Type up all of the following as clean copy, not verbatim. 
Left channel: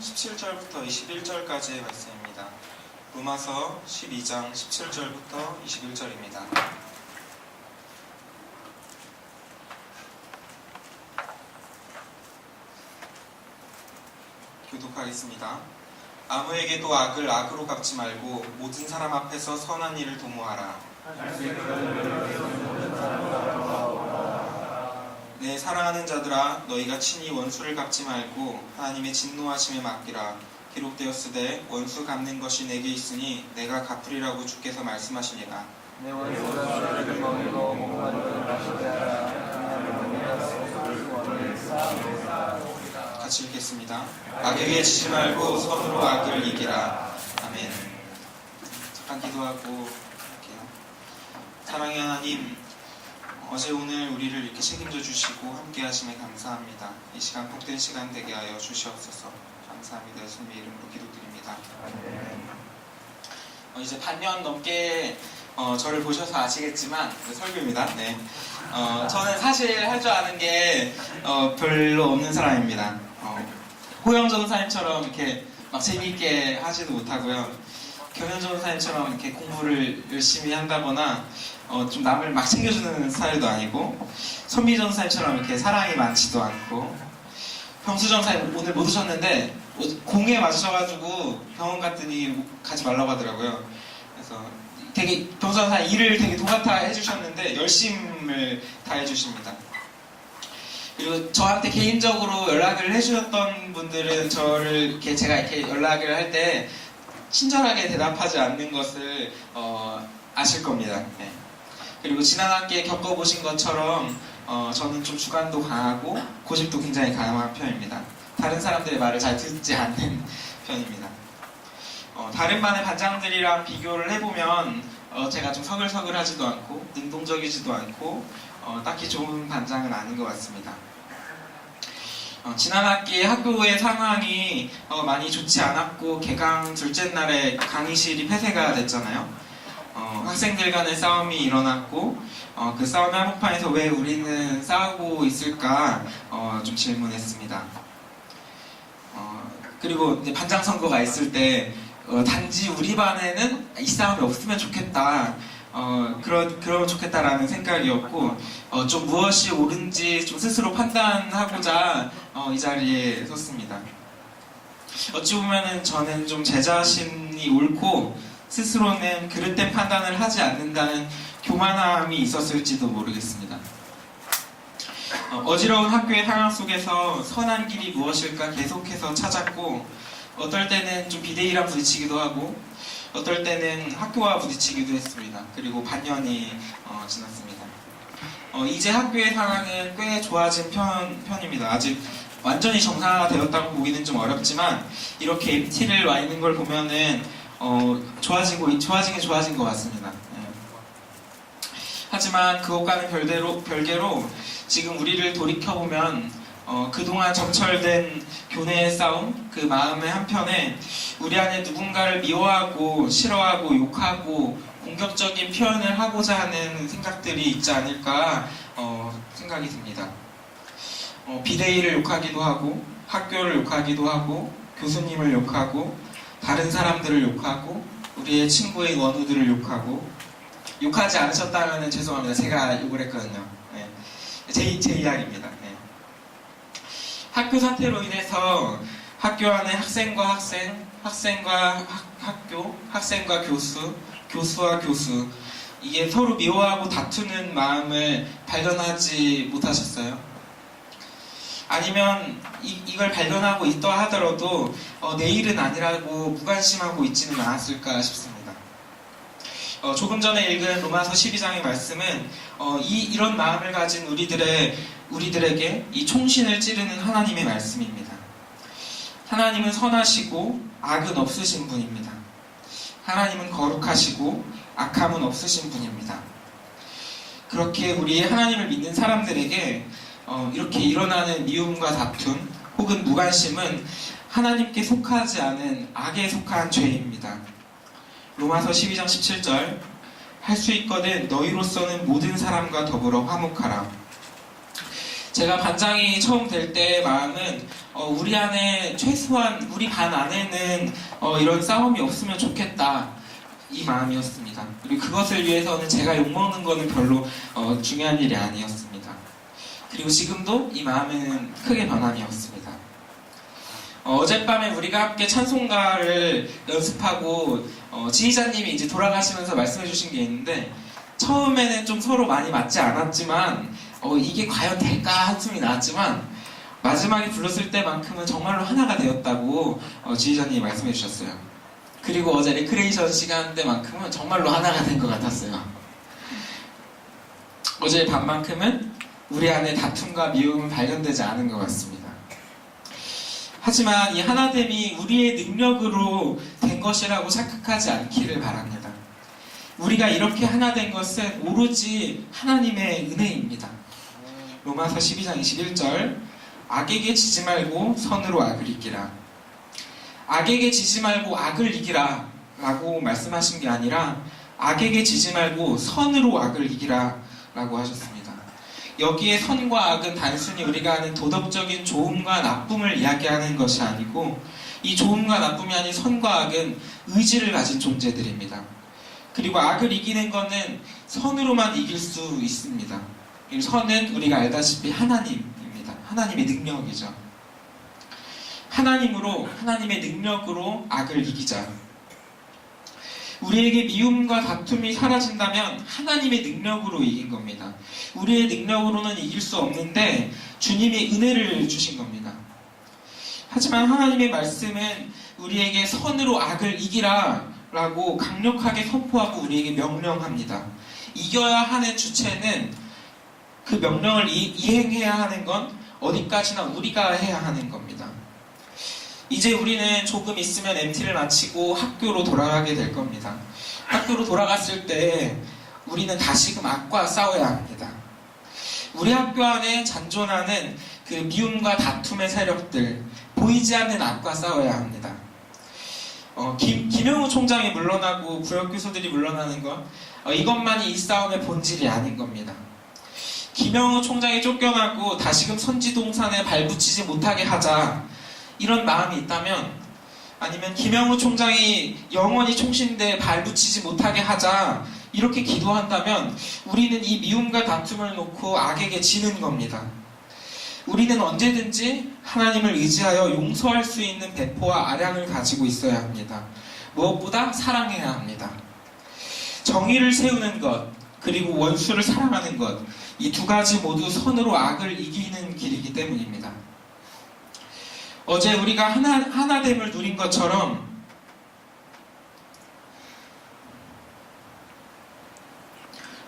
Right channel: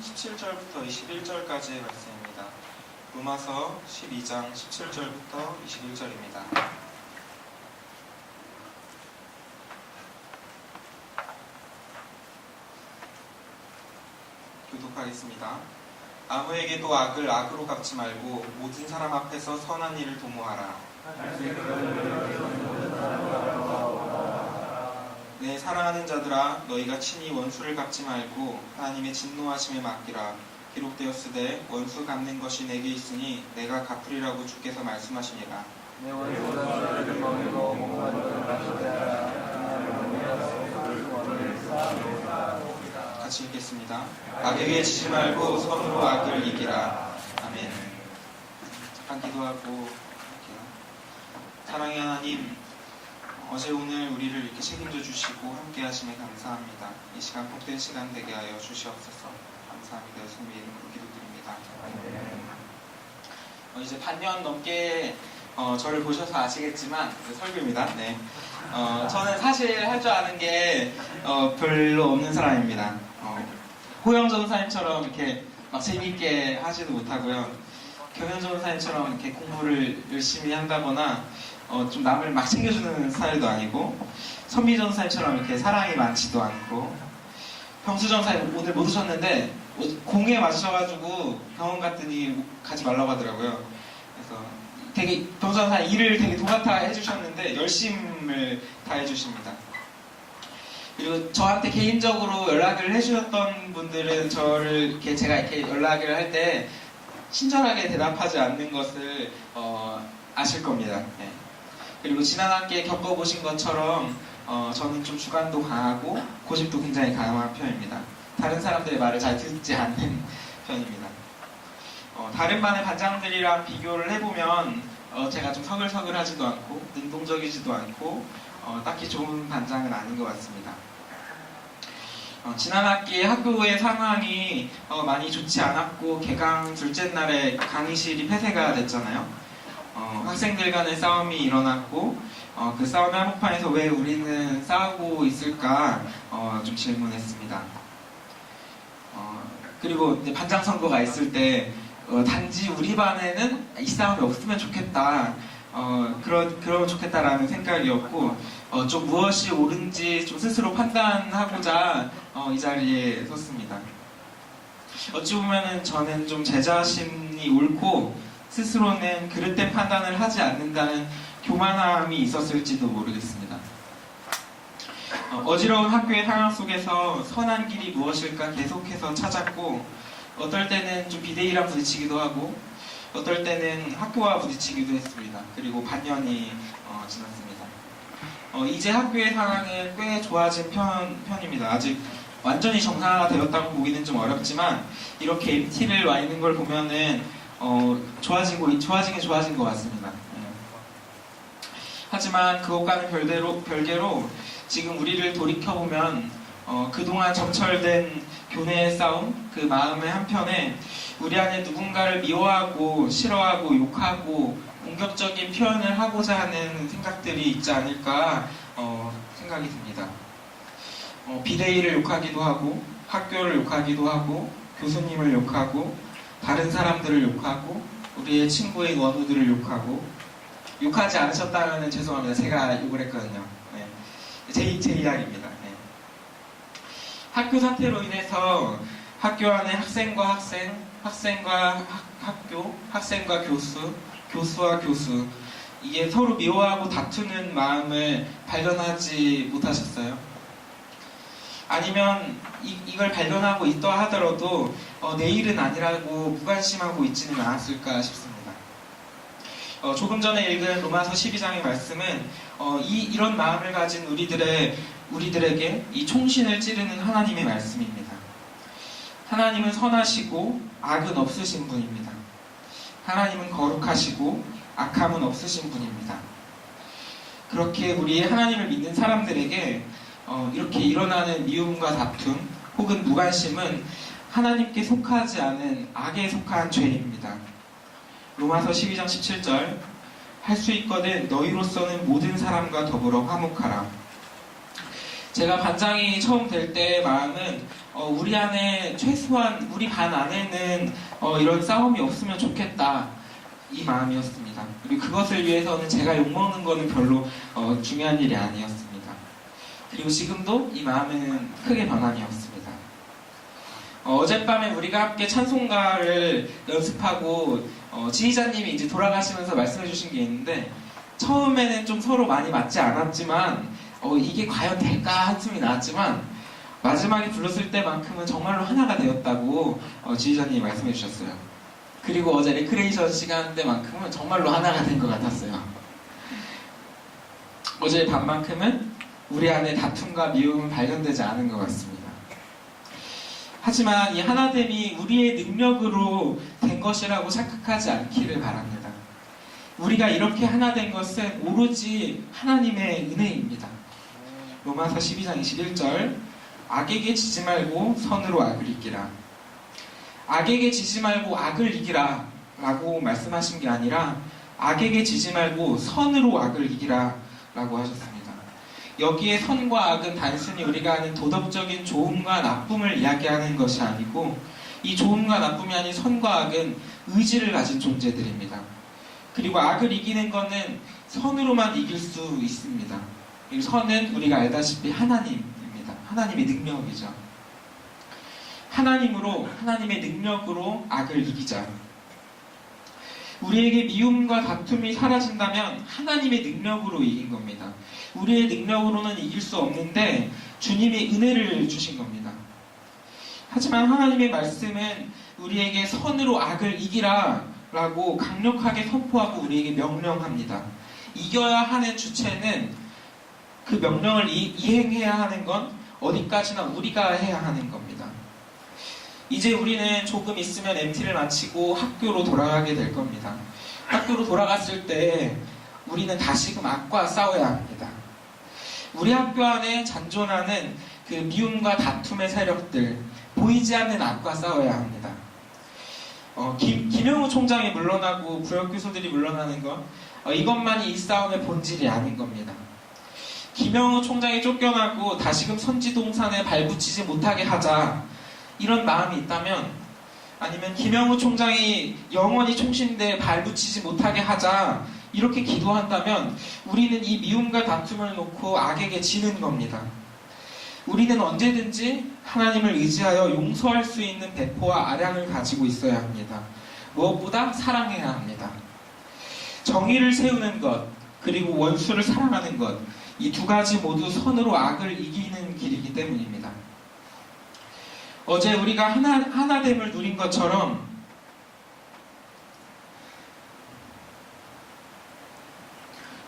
17절부터 21절까지의 말씀입니다. 로마서 12장 17절부터 21절입니다. 교독하겠습니다. 아무에게도 악을 악으로 갚지 말고 모든 사람 앞에서 선한 일을 도모하라. 내 사랑하는 자들아, 너희가 친히 원수를 갚지 말고 하나님의 진노하심에 맡기라. 기록되었으되 원수 갚는 것이 내게 있으니 내가 갚으리라고 주께서 말씀하시니라. 내 원수가 너를 먹이고 목마르고 마시게 하라. 같이 읽겠습니다. 악에게 지지 말고 선으로 악을 이기라. 아멘. 잠깐 기도하고 할게요. 사랑의 하나님, 어제 오늘 우리를 이렇게 책임져 주시고 함께 하시면 감사합니다. 이 시간 복된 시간 되게 하여 주시옵소서. 감사합니다. 예수님의 이름으로 기도드립니다. 이제 반년 넘게 저를 보셔서 아시겠지만 설교입니다. 네. 저는 사실 할 줄 아는 게 별로 없는 사람입니다. 호영 전사님처럼 이렇게 막 재미있게 하지도 못하고요. 경현 전사님처럼 이렇게 공부를 열심히 한다거나 좀 남을 막 챙겨주는 스타일도 아니고, 선미 전사님처럼 이렇게 사랑이 많지도 않고, 병수 전사님 오늘 못 오셨는데 공에 맞으셔가지고 병원 갔더니 가지 말라고 하더라고요. 그래서 되게 병수 전사님 일을 되게 도맡아 해주셨는데 열심을 다 해주십니다. 그리고 저한테 개인적으로 연락을 해주셨던 분들은 저를 이렇게 제가 이렇게 연락을 할 때 친절하게 대답하지 않는 것을 아실 겁니다. 네. 그리고 지난 학기에 겪어보신 것처럼 저는 좀 주관도 강하고 고집도 굉장히 강한 편입니다. 다른 사람들의 말을 잘 듣지 않는 편입니다. 다른 반의 반장들이랑 비교를 해보면 제가 좀 서글서글하지도 않고 능동적이지도 않고 딱히 좋은 반장은 아닌 것 같습니다. 지난 학기에 학교의 상황이 많이 좋지 않았고 개강 둘째 날에 강의실이 폐쇄가 됐잖아요. 학생들 간의 싸움이 일어났고 그 싸움의 한복판에서 왜 우리는 싸우고 있을까 좀 질문했습니다. 그리고 반장 선거가 있을 때 단지 우리 반에는 이 싸움이 없으면 좋겠다, 그러면 좋겠다라는 생각이었고, 좀 무엇이 옳은지 좀 스스로 판단하고자 이 자리에 섰습니다. 어찌 보면은 저는 좀 제 자신이 옳고 스스로는 그릇된 판단을 하지 않는다는 교만함이 있었을지도 모르겠습니다. 어지러운 학교의 상황 속에서 선한 길이 무엇일까 계속해서 찾았고, 어떨 때는 좀 비대위랑 부딪히기도 하고, 어떨 때는 학교와 부딪히기도 했습니다. 그리고 반년이 지났습니다. 이제 학교의 상황은 꽤 좋아진 편입니다. 아직 완전히 정상화가 되었다고 보기는 좀 어렵지만, 이렇게 MT를 와 있는 걸 보면은 좋아진 것 같습니다. 네. 하지만 그것과는 별개로 지금 우리를 돌이켜보면 그동안 점철된 교내의 싸움, 그 마음의 한편에 우리 안에 누군가를 미워하고 싫어하고 욕하고 공격적인 표현을 하고자 하는 생각들이 있지 않을까 생각이 듭니다. 비대위를 욕하기도 하고, 학교를 욕하기도 하고, 교수님을 욕하고, 다른 사람들을 욕하고, 우리의 친구인 원우들을 욕하고. 욕하지 않으셨다면 죄송합니다. 제가 욕을 했거든요. 네. 제 이야기입니다. 네. 학교 사태로 인해서 학교 안에 학생과 학생, 학생과 학교, 학생과 교수, 교수와 교수, 이게 서로 미워하고 다투는 마음을 발견하지 못하셨어요? 아니면 이걸 발견하고 있다 하더라도 내일은 아니라고 무관심하고 있지는 않았을까 싶습니다. 조금 전에 읽은 로마서 12장의 말씀은 이런 마음을 가진 우리들에게 이 총신을 찌르는 하나님의 말씀입니다. 하나님은 선하시고 악은 없으신 분입니다. 하나님은 거룩하시고 악함은 없으신 분입니다. 그렇게 우리 하나님을 믿는 사람들에게 이렇게 일어나는 미움과 다툼 혹은 무관심은 하나님께 속하지 않은 악에 속한 죄입니다. 로마서 12장 17절, 할 수 있거든 너희로서는 모든 사람과 더불어 화목하라. 제가 반장이 처음 될 때 마음은 우리 안에 최소한 우리 반 안에는 이런 싸움이 없으면 좋겠다 이 마음이었습니다. 그리고 그것을 위해서는 제가 욕먹는 거는 별로 중요한 일이 아니었습니다. 그리고 지금도 이 마음은 크게 변함이 없습니다. 어젯밤에 우리가 함께 찬송가를 연습하고 지휘자님이 이제 돌아가시면서 말씀해 주신 게 있는데 처음에는 좀 서로 많이 맞지 않았지만 이게 과연 될까 한숨이 나왔지만 마지막에 불렀을 때만큼은 정말로 하나가 되었다고 지휘자님이 말씀해 주셨어요. 그리고 어제 레크레이션 시간 때만큼은 정말로 하나가 된 것 같았어요. 어제 밤만큼은 우리 안에 다툼과 미움은 발견되지 않은 것 같습니다. 하지만 이 하나됨이 우리의 능력으로 된 것이라고 착각하지 않기를 바랍니다. 우리가 이렇게 하나 된 것은 오로지 하나님의 은혜입니다. 로마서 12장 21절 악에게 지지 말고 선으로 악을 이기라. 악에게 지지 말고 악을 이기라 라고 말씀하신 게 아니라 악에게 지지 말고 선으로 악을 이기라 라고 하셨습니다. 여기에 선과 악은 단순히 우리가 아는 도덕적인 좋음과 나쁨을 이야기하는 것이 아니고 이 좋음과 나쁨이 아닌 선과 악은 의지를 가진 존재들입니다. 그리고 악을 이기는 것은 선으로만 이길 수 있습니다. 이 선은 우리가 알다시피 하나님입니다. 하나님의 능력이죠. 하나님의 능력으로 악을 이기자. 우리에게 미움과 다툼이 사라진다면 하나님의 능력으로 이긴 겁니다. 우리의 능력으로는 이길 수 없는데 주님이 은혜를 주신 겁니다. 하지만 하나님의 말씀은 우리에게 선으로 악을 이기라 라고 강력하게 선포하고 우리에게 명령합니다. 이겨야 하는 주체는 그 명령을 이행해야 하는 건 어디까지나 우리가 해야 하는 겁니다. 이제 우리는 조금 있으면 MT를 마치고 학교로 돌아가게 될 겁니다. 학교로 돌아갔을 때 우리는 다시금 악과 싸워야 합니다. 우리 학교 안에 잔존하는 그 미움과 다툼의 세력들, 보이지 않는 악과 싸워야 합니다. 김영우 총장이 물러나고 구역 교수들이 물러나는 것, 이것만이 이 싸움의 본질이 아닌 겁니다. 김영우 총장이 쫓겨나고 다시금 선지동산에 발붙이지 못하게 하자 이런 마음이 있다면, 아니면 김영우 총장이 영원히 총신대에 발붙이지 못하게 하자 이렇게 기도한다면 우리는 이 미움과 다툼을 놓고 악에게 지는 겁니다. 우리는 언제든지 하나님을 의지하여 용서할 수 있는 배포와 아량을 가지고 있어야 합니다. 무엇보다 사랑해야 합니다. 정의를 세우는 것, 그리고 원수를 사랑하는 것, 이 두 가지 모두 선으로 악을 이기는 길이기 때문입니다. 어제 우리가 하나됨을 누린 것처럼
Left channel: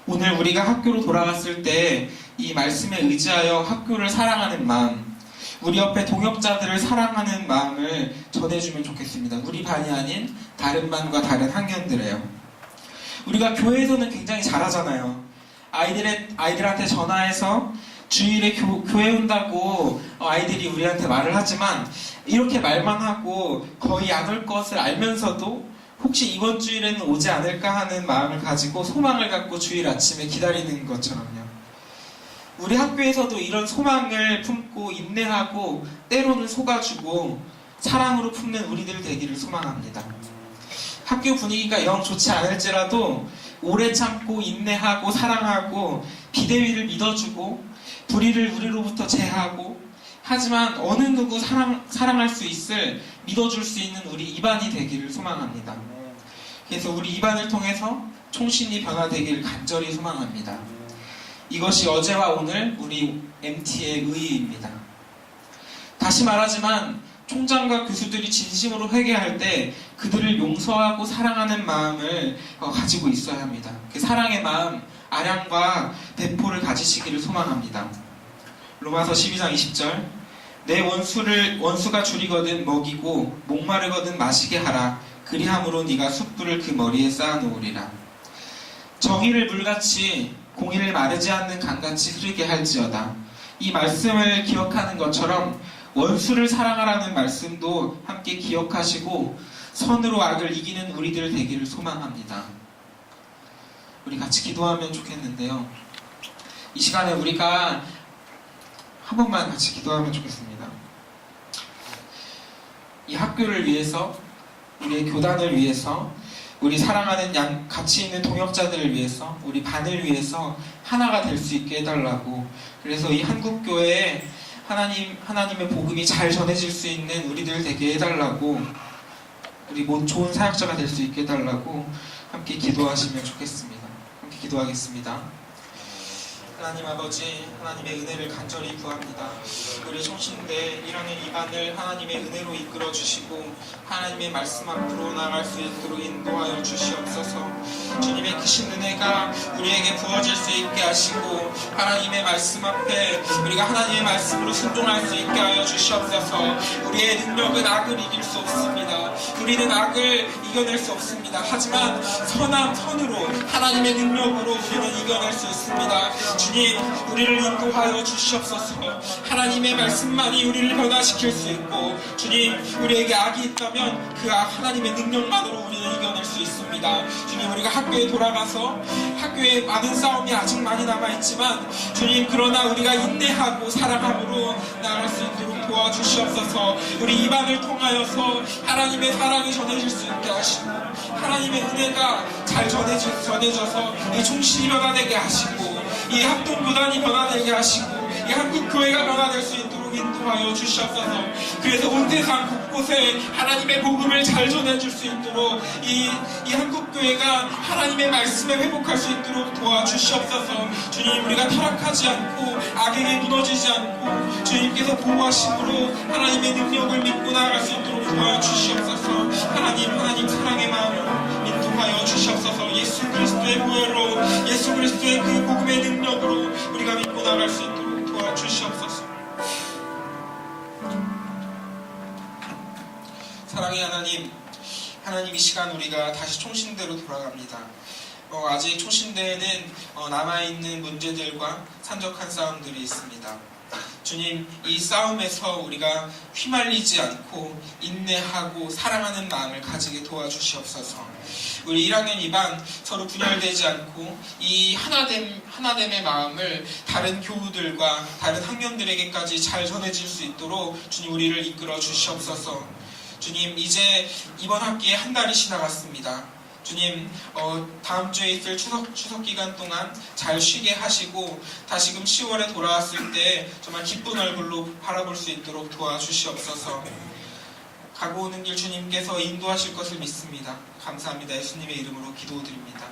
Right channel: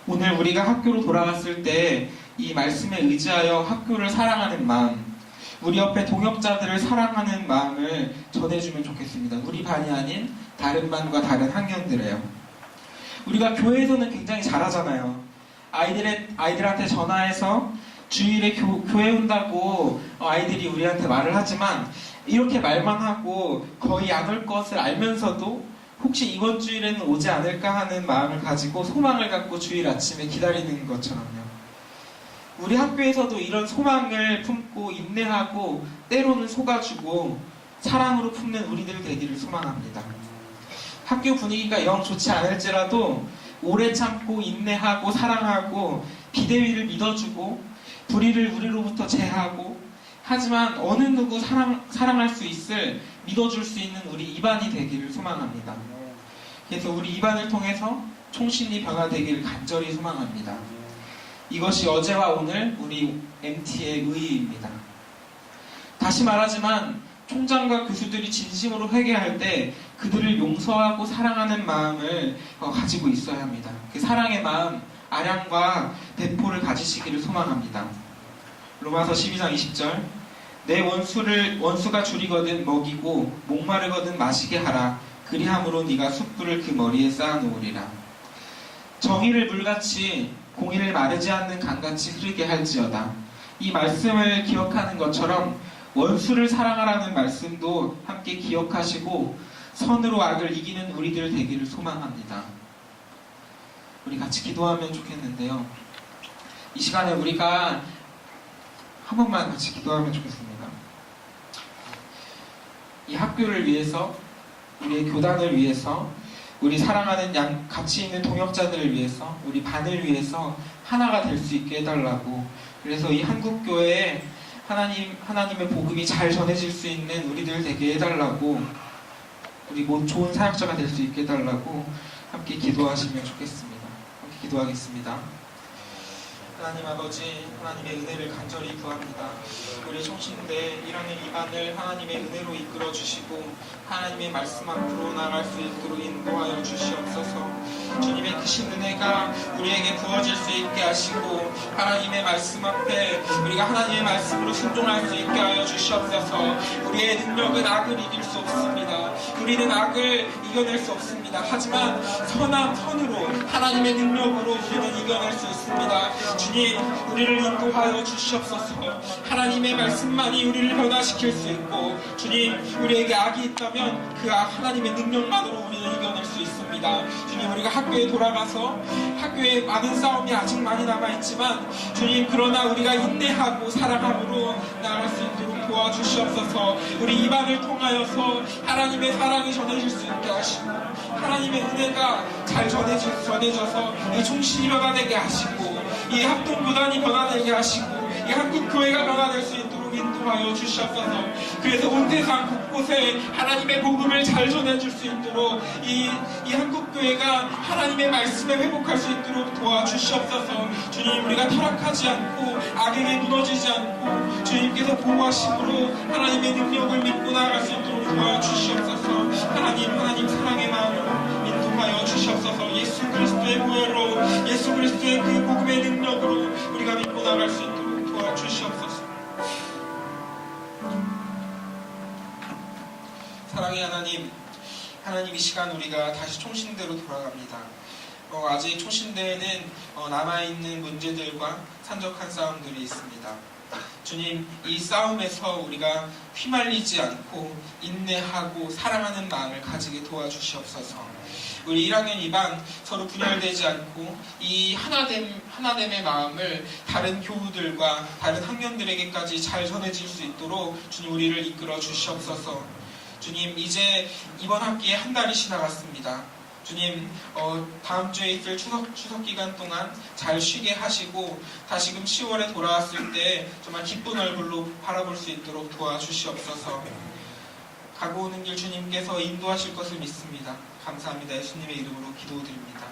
오늘 우리가 학교로 돌아갔을 때 이 말씀에 의지하여 학교를 사랑하는 마음, 우리 옆에 동역자들을 사랑하는 마음을 전해주면 좋겠습니다. 우리 반이 아닌 다른 반과 다른 학년들에요. 우리가 교회에서는 굉장히 잘하잖아요. 아이들한테 전화해서 주일에 교회 온다고 아이들이 우리한테 말을 하지만 이렇게 말만 하고 거의 안 올 것을 알면서도 혹시 이번 주일에는 오지 않을까 하는 마음을 가지고 소망을 갖고 주일 아침에 기다리는 것처럼요. 우리 학교에서도 이런 소망을 품고 인내하고 때로는 속아주고 사랑으로 품는 우리들 되기를 소망합니다. 학교 분위기가 영 좋지 않을지라도 오래 참고 인내하고 사랑하고 비대위를 믿어주고 불의를 우리로부터 제하고, 하지만 어느 누구 사랑할 수 있을, 믿어줄 수 있는 우리 이반이 되기를 소망합니다. 그래서 우리 이반을 통해서 총신이 변화되기를 간절히 소망합니다. 이것이 어제와 오늘 우리 MT의 의의입니다. 다시 말하지만 총장과 교수들이 진심으로 회개할 때 그들을 용서하고 사랑하는 마음을 가지고 있어야 합니다. 그 사랑의 마음, 아량과 배포를 가지시기를 소망합니다. 로마서 12장 20절 내 원수가 줄이거든 먹이고 목마르거든 마시게 하라. 그리함으로 네가 숯불을 그 머리에 쌓아놓으리라. 정의를 물같이 공의를 마르지 않는 강같이 흐르게 할지어다. 이 말씀을 기억하는 것처럼 원수를 사랑하라는 말씀도 함께 기억하시고 선으로 악을 이기는 우리들 되기를 소망합니다. 우리 같이 기도하면 좋겠는데요. 이 시간에 우리가 한 번만 같이 기도하면 좋겠습니다. 이 학교를 위해서, 우리의 교단을 위해서, 우리 사랑하는 같이 있는 동역자들을 위해서, 우리 반을 위해서 하나가 될 수 있게 해달라고. 그래서 이 한국교회에 하나님의 복음이 잘 전해질 수 있는 우리들 되게 해달라고, 우리 좋은 사역자가 될 수 있게 해달라고 함께 기도하시면 좋겠습니다. 함께 기도하겠습니다. 하나님 아버지, 하나님의 은혜를 간절히 구합니다. 우리 총신대 1학년 2반을 하나님의 은혜로 이끌어 주시고 하나님의 말씀 앞으로 나아갈 수 있도록 인도하여 주시옵소서. 주님의 크신 은혜가 우리에게 부어질 수 있게 하시고 하나님의 말씀 앞에 우리가 하나님의 말씀으로 순종할 수 있게 하여 주시옵소서. 우리의 능력은 악을 이길 수 없습니다. 우리는 악을 이겨낼 수 없습니다. 하지만 선으로 하나님의 능력으로 우리는 이겨낼 수 있습니다. 주님, 우리를 인도하여 주시옵소서. 하나님의 말씀만이 우리를 변화시킬 수 있고, 주님, 우리에게 악이 있다면 그 악 하나님의 능력만으로 우리는 이겨낼 수 있습니다. 주님, 우리가 학교에 돌아가서 학교에 많은 싸움이 아직 많이 남아있지만 주님, 그러나 우리가 인내하고 사랑함으로 나아갈 수 있도록 도와주시옵소서. 우리 입안을 통하여서 하나님의 사랑이 전해질 수 있게 하시고 하나님의 은혜가 잘 전해져서 이 총신이 변화되게 하시고 이 합동교단이 변화되게 하시고 이 한국교회가 변화될 수 있도록 인도하여 주시옵소서. 그래서 온 세상 곳곳에 하나님의 복음을 잘 전해줄 수 있도록 이 한국교회가 하나님의 말씀에 회복할 수 있도록 도와주시옵소서. 주님, 우리가 타락하지 않고 악에게 무너지지 않고 주님께서 보호하심으로 하나님의 능력을 믿고 나아갈 수 있도록 도와주시옵소서. 하나님 사랑의 마음으로 인도하여 주시옵소서. 예수 그리스도의 보혈로, 예수 그리스도의 그 복음의 능력으로 우리가 믿고 나아갈 수 있도록 도와주시옵소서. 사랑의 하나님, 이 시간 우리가 다시 총신대로 돌아갑니다. 아직 총신대에는 남아있는 문제들과 산적한 싸움들이 있습니다. 주님, 이 싸움에서 우리가 휘말리지 않고 인내하고 사랑하는 마음을 가지게 도와주시옵소서. 우리 1학년 2반 서로 분열되지 않고 이 하나됨의 마음을 다른 교우들과 다른 학년들에게까지 잘 전해질 수 있도록 주님, 우리를 이끌어 주시옵소서. 주님, 이제 이번 학기에 한 달이 지나갔습니다. 주님, 다음 주에 있을 추석 기간 동안 잘 쉬게 하시고 다시금 10월에 돌아왔을 때 정말 기쁜 얼굴로 바라볼 수 있도록 도와주시옵소서. 가고 오는 길 주님께서 인도하실 것을 믿습니다. 감사합니다. 예수님의 이름으로 기도드립니다.